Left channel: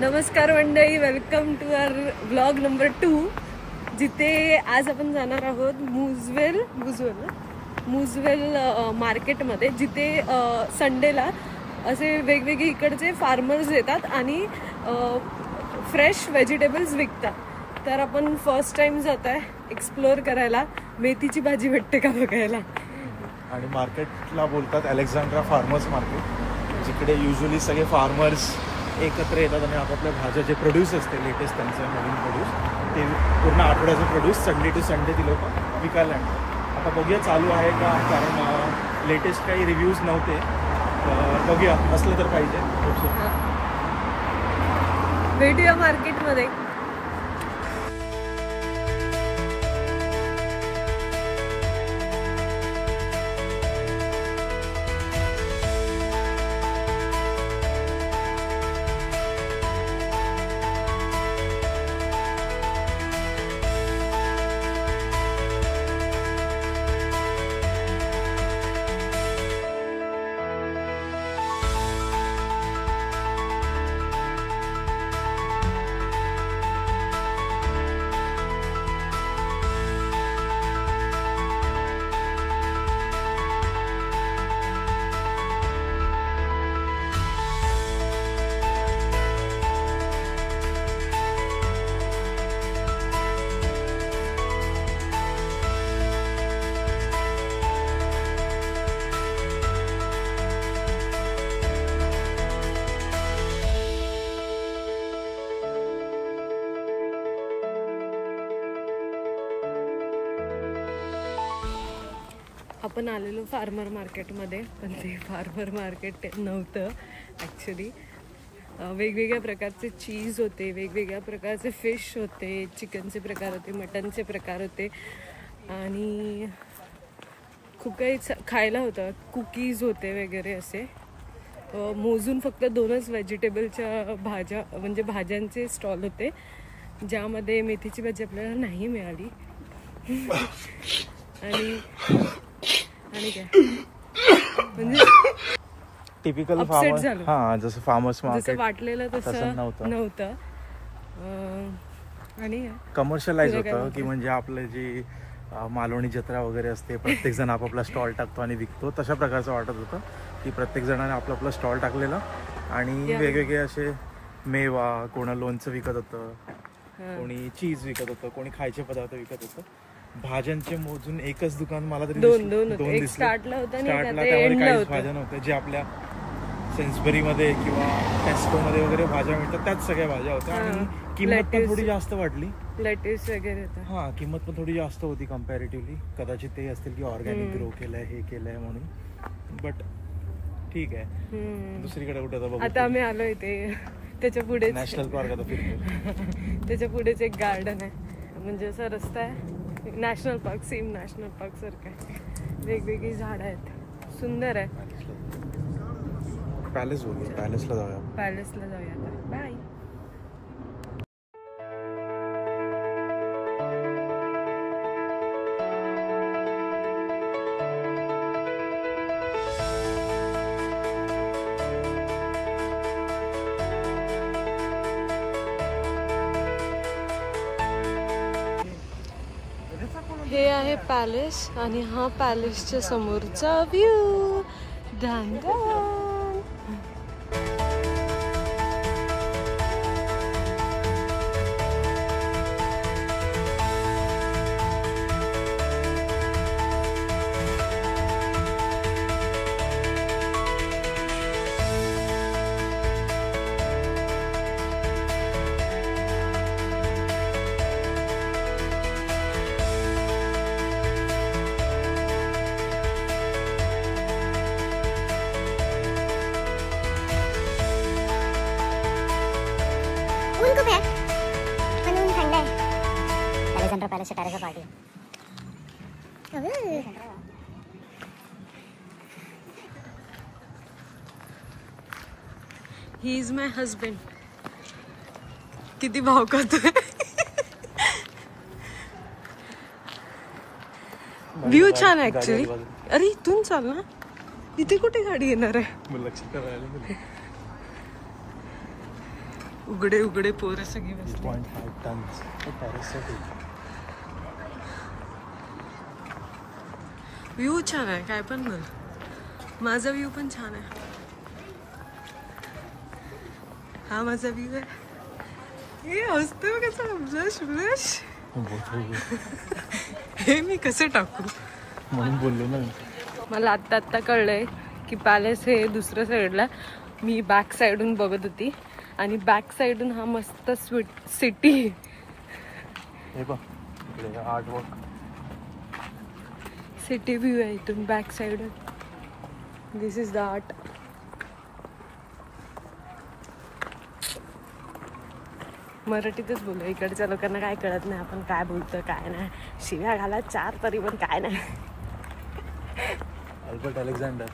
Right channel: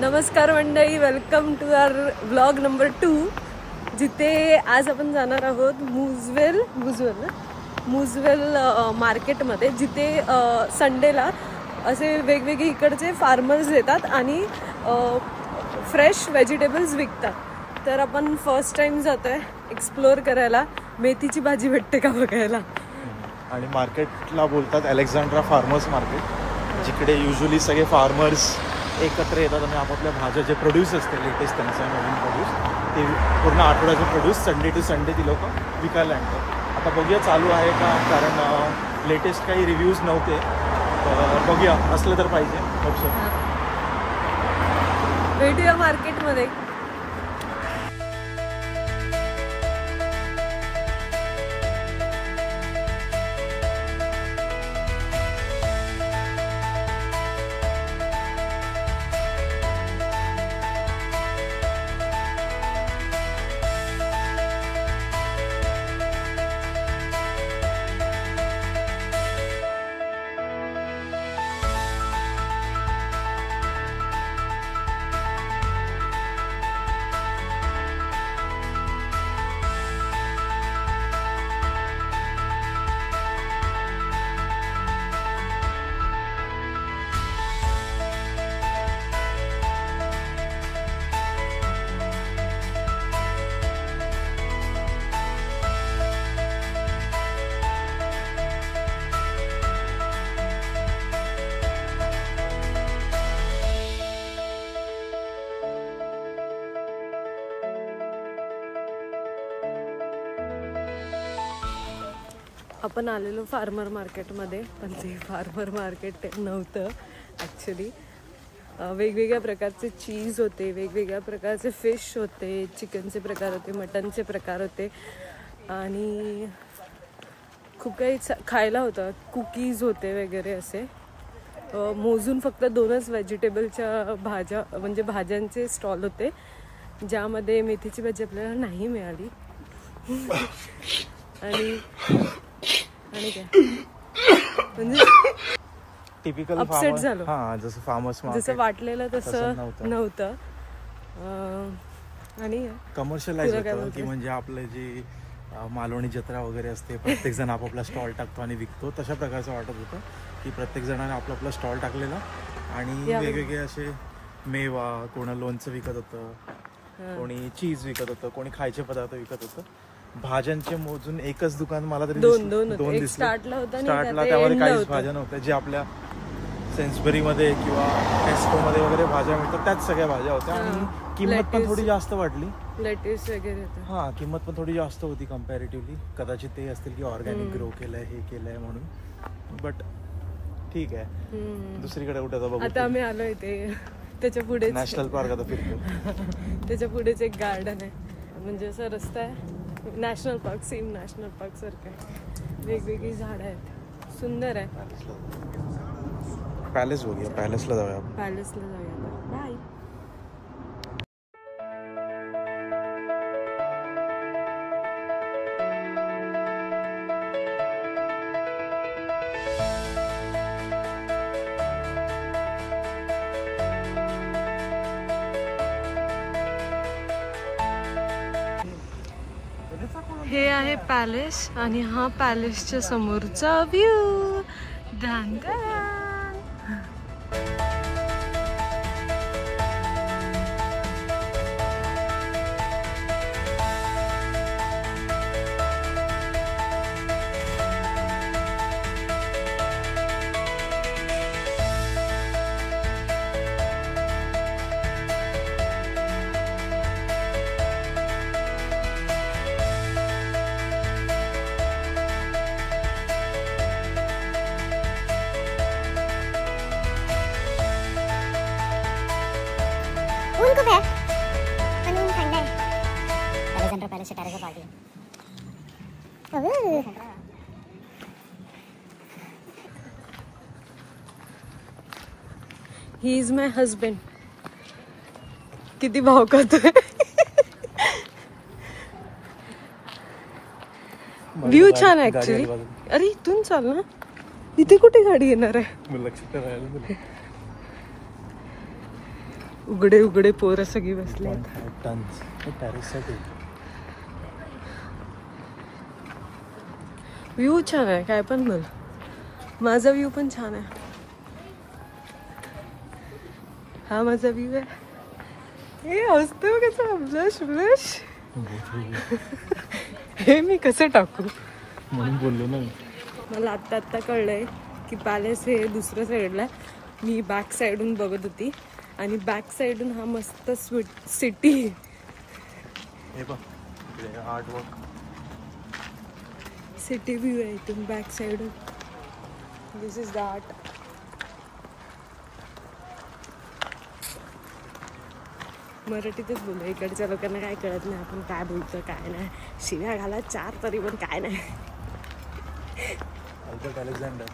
नमस्कार मंडळी, welcome to our vlog number 2, जिथे आज आपण जाणार आहोत मुजवेल मार्केटमध्ये, जिथे संडेला असे वेगवेगळे इकडचे फार्मर्स येतात आणि फ्रेश व्हेजिटेबल्स विकतात. तर आपण फर्स्ट टाइम जात आहे एक्सप्लोर करायला, मेथीची भाजी भेटते का बघायला. आणि मार्केटला बोलतात अलेक्झांड्रा फार्मर्स मार्केट, जिकडे युजली सगळे फार्मर्स एकत्र येतात आणि आपापल्या भाज्या जे प्रोड्यूस असते लेटेस्ट त्यांचं नवीन प्रोड्यूस, ते पूर्ण आठवड्याचे प्रोड्यूस संडे टू संडे ती लोक विकायला आणतात. आता बघूया चालू आहे का, कारण लेटेस्ट काही रिव्ह्यूज नव्हते, तर बघूया, असलं तर पाहिजे. Hope so. भेटूया मार्केटमध्ये. आपण आलेलो फार्मर मार्केटमध्ये, पण ते फार्मर मार्केट नव्हतं ॲक्च्युली. वेगवेगळ्या प्रकारचे चीज होते, वेगवेगळ्या प्रकारचे फिश होते, चिकनचे प्रकार होते, मटनचे प्रकार होते आणि खूप काही खायला होतं. कुकीज होते वगैरे असे. मोजून फक्त 2च व्हेजिटेबलच्या भाज्या, म्हणजे भाज्यांचे स्टॉल होते, ज्यामध्ये मेथीची भाजी आपल्याला नाही मिळाली. आणि काय म्हणजे टिपिकल अपसेट झालं. हां, जसं फार्मर्स जसं वाटलेलं तसं नव्हतं. आणि कमर्शियलाइज होतं की म्हणजे आपलं जे मालवणी जत्रा वगैरे असते, प्रत्येक जण आपापला स्टॉल टाकतो आणि विकतो, तशा प्रकारचं वाटत होतं की प्रत्येक जणाने आपला आपला स्टॉल टाकलेला आणि वेगवेगळे असे मेवा, कोणा लोणचं विकत होतं, कोणी चीज विकत होतं, कोणी खायचे पदार्थ विकत होतं. भाज्यांचे मोजून एकच दुकान मला तरी दोन दिसले. स्टार्टला त्यामध्ये काहीच भाज्या नव्हत्या. जे आपल्या सेन्सबरीमध्ये किंवा टेस्कोमध्ये वगैरे भाज्या मिळतात त्याच सगळ्या भाज्या होत्या. आणि किंमत पण थोडी जास्त वाटली. लेटेस्ट वगैरे हा, किंमत पण थोडी जास्त होती कम्पॅरेटिव्हली. कदाचित ते असतील की ऑर्गॅनिक ग्रो केलंय, हे केलंय म्हणून. बट ठीक आहे, दुसरीकडे कुठे बघू. आता आम्ही आलोय ते त्याच्या पुढे नॅशनल पार्क. आता फिरतो. त्याच्या पुढेच एक गार्डन आहे, म्हणजे असा रस्ता आहे, national park, same national park सारखं आहे. वेगवेगळी झाडं आहेत, सुंदर आहे. पॅलेस बघूया, पॅलेसला जाऊया. बाय. हे आहे पॅलेस आणि हा पॅलेसच्या समोरचा व्ह्यू. ऊन खूप आहे, पण ऊन थंड आहे. अलेक्झांड्रा पॅलेसच्या टेरेसवर party. He is my husband. किती भाव करतोय. व्ह्यू छान आहे ऍक्च्युली. अरे इथून चाल ना, इथे कुठे गाडी येणार आहे. उघडे उघडे पोरं सगळी बसली. 2.5 टन्स पॅरिससाठी. व्ह्यू छान आहे, काय पण बोल. माझा व्ह्यू पण छान आहे. हा माझा व्ह्यू आहे. हे असतो कसं ब्लश ब्लश. हे मी कसं टाकू म्हणून बोललो ना मी. मला आत्ता कळलंय की पॅलेस हे दुसऱ्या साईडला, मी बॅक साईडून बघत होती आणि बॅक साईडून हा मस्त स्वीट सिटी. हे बघ आर्टवर्क. सिटी व्ह्यू आहे इथून बॅक साईडून. This is the art. मराठीतच बोलू, इकडच्या लोकांना काय कळत नाही आपण काय बोलतो काय नाही. शिव्या घाला 4 तरी पण काय नाही. अलेक्झांडर.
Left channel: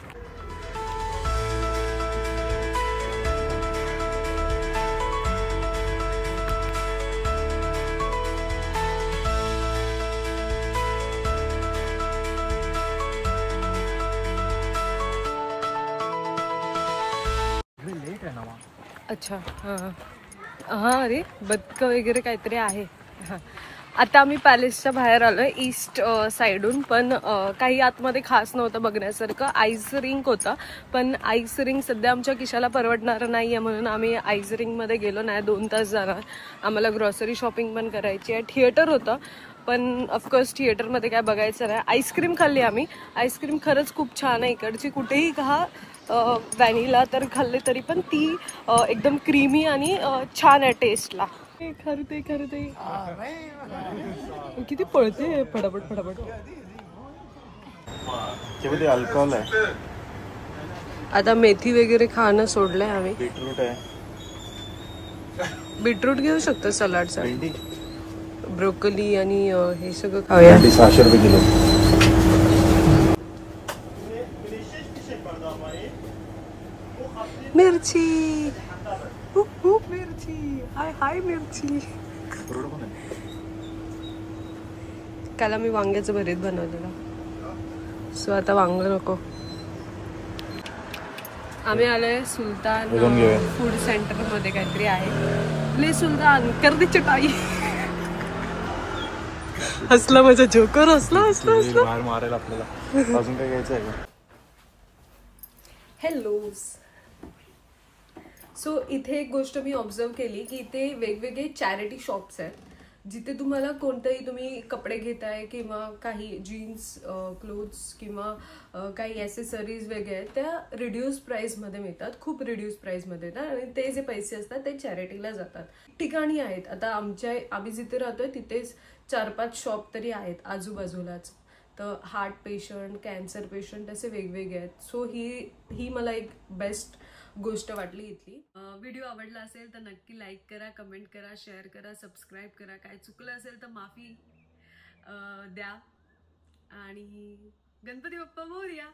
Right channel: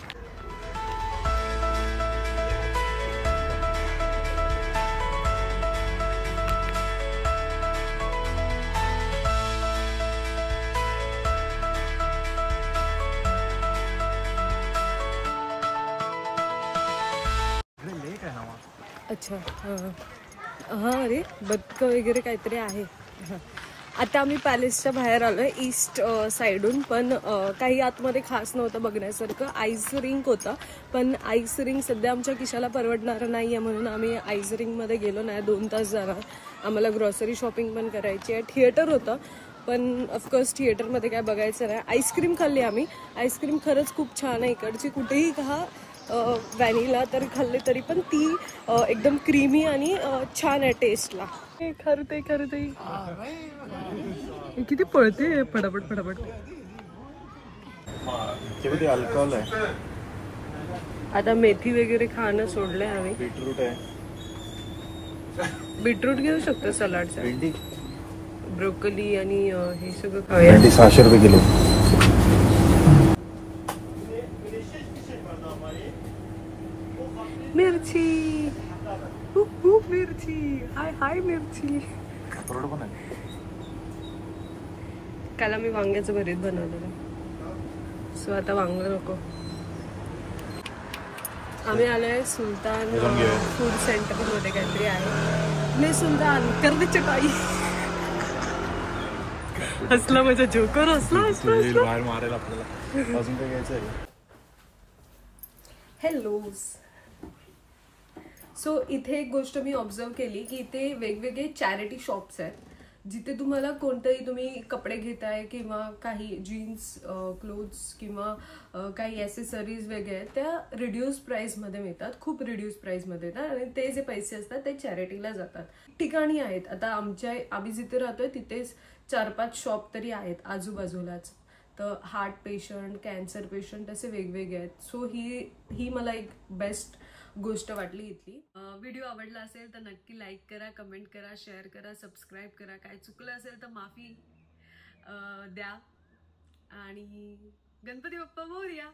लेक आहे ना. अच्छा हां हां. अरे बदकं वगैरे काहीतरी आहे. हां आता आम्ही पॅलेसच्या बाहेर आलोय ईस्ट साईडून, पण काही आतमध्ये खास नव्हतं बघण्यासारखं. आईस रिंक होता, पण आईस रिंक सध्या आमच्या खिशाला परवडणारं नाही आहे म्हणून आम्ही आईस रिंकमध्ये गेलो नाही. 2 तास जाणार. आम्हाला ग्रॉसरी शॉपिंग पण करायची आहे. थिएटर होतं पण ऑफकोर्स थिएटरमध्ये काय बघायचं नाही. आईस्क्रीम खाल्ली आम्ही. आईस्क्रीम खरंच खूप छान आहे इकडची. कुठेही खा व्हॅनिला तर खाल्ले तरी पण ती एकदम क्रीमी आणि छान आहे टेस्टला. खरते किती पळते फटाफट फटाफट. अल्कोहोल आहे. आता मेथी वगैरे खाणं सोडलंय आम्ही. बीटरूट आहे. बीटरूट घेऊ शकतो सलाडचा. ब्रोकली आणि हे सगळं खाऊया. 600 रुपये किलो. मिरची मिरची. हाय हाय मिरची. काल मी वांग्याचं भरीत बनवलेलं, सो आता वांग नको. आम्ही आलोय सुलतान फूड सेंटर मध्ये, काहीतरी आहे. ले सुलतान कर दे चटाई. हसला माझा जोकर. हसला. बाहेर मारेल आपल्याला. अजून काही घ्यायचं आहे. हॅलो. सो इथे एक गोष्ट मी ऑब्झर्व केली की इथे वेगवेगळे चॅरिटी शॉप्स आहेत, जिथे तुम्हाला कोणतंही तुम्ही कपडे घेताय किंवा काही जीन्स क्लोथ्स किंवा काही ॲसेसरीज वगैरे आहेत त्या रिड्यूस प्राईसमध्ये मिळतात. खूप रिड्यूस प्राईसमध्ये येतात आणि ते जे पैसे असतात ते चॅरिटीला जातात. ठिकाणी आहेत. आता आम्ही जिथे राहतोय तिथेच 4-5 शॉप तरी आहेत आजूबाजूलाच. तर हार्ट पेशंट, कॅन्सर पेशंट असे वेगवेगळे आहेत. सो ही मला एक बेस्ट गोष्ट वाटली इथली. व्हिडिओ आवडला असेल तर नक्की लाईक करा, कमेंट करा, शेअर करा, सबस्क्राईब करा. काय चुकलं असेल तर माफी द्या आणि गणपती बाप्पा मोरया.